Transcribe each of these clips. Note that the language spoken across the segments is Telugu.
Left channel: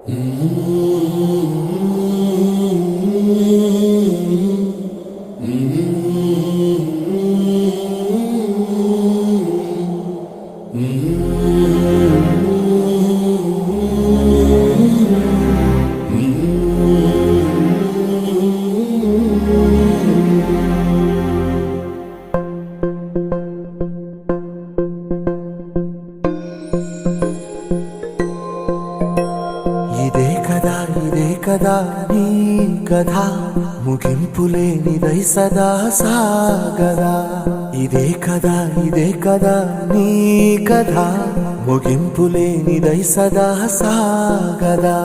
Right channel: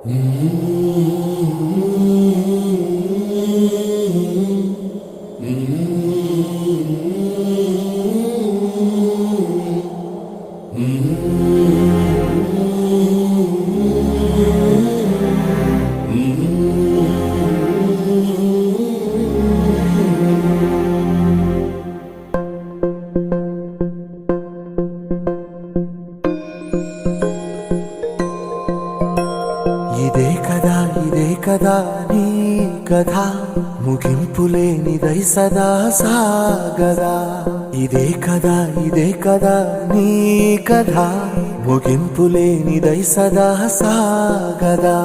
ఇదే కదా నీ కథ ముగింపులేనిదై సదా సాగదా. ఇదే కదా నీ కథ ముగింపులేనిదై సదా సాగదా.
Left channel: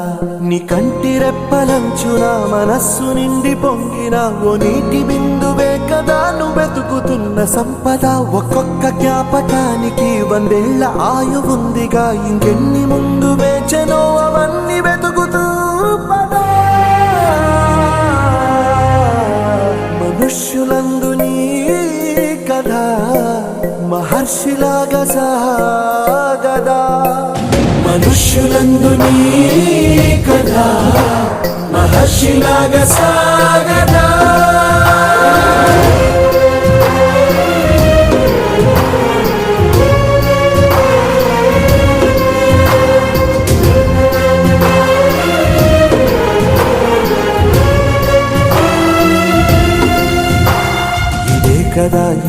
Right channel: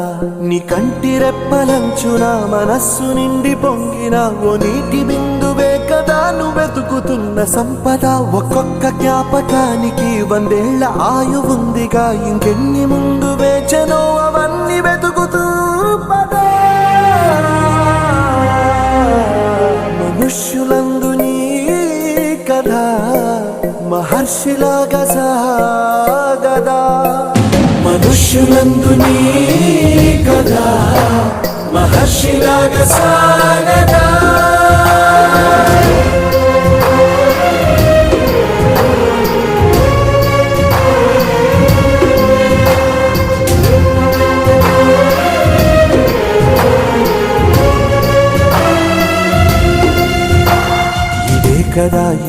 నీ కంటి రెప్పలంచున మనస్సు నిండి పొంగిన ఓ నీటి బిందువే కదా నువ్వెతుకుతున్న సంపద. ఒక్కొక్క జ్ఞాపకానికి 100 ఏళ్ల ఆయువుందిగా, ఇంకెన్ని ముందు వేచనో అవన్నీ వెతుకుతూ పదా. మనుష్యులందు నీ కథ మహర్షిలాగా సాగదా. మనుష్యులందు నీ కథ మహర్షిలాగా సాగదా.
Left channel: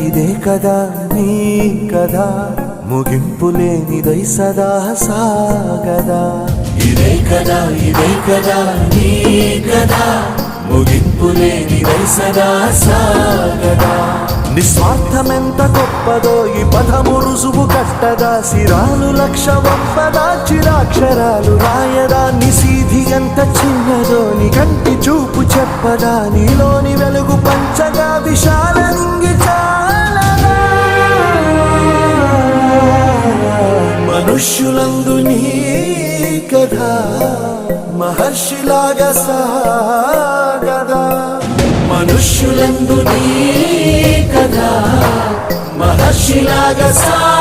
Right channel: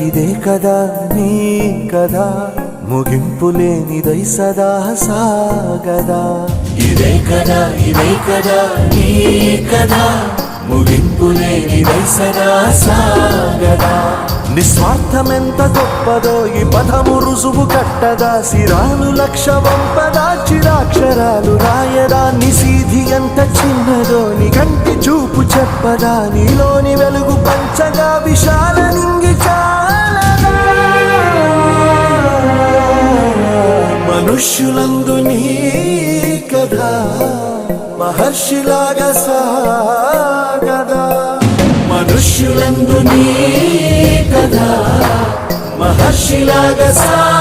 ఇదే కదా నీ కథ ముగింపులేనిదై సదా సాగదా. ఇదే కదా నీ కథ ముగింపులేనిదై సదా సాగదా. నిస్వార్థమెంత గొప్పదో ఈ పదము రుజువు కట్టదా. సిరాలు లక్ష వంపదా, చిరాక్షరాలు రాయదా. నిశీధి ఎంత చిన్నదో నీ కంటి చూపు చెప్పదా. నీలోని వెలుగు పంచగా విశాల నింగి చాలదా. మనుష్యులందు నీ కథ మహర్షిలాగా సాగదా. మనుష్యులందు నీ కథ మహర్షిలాగా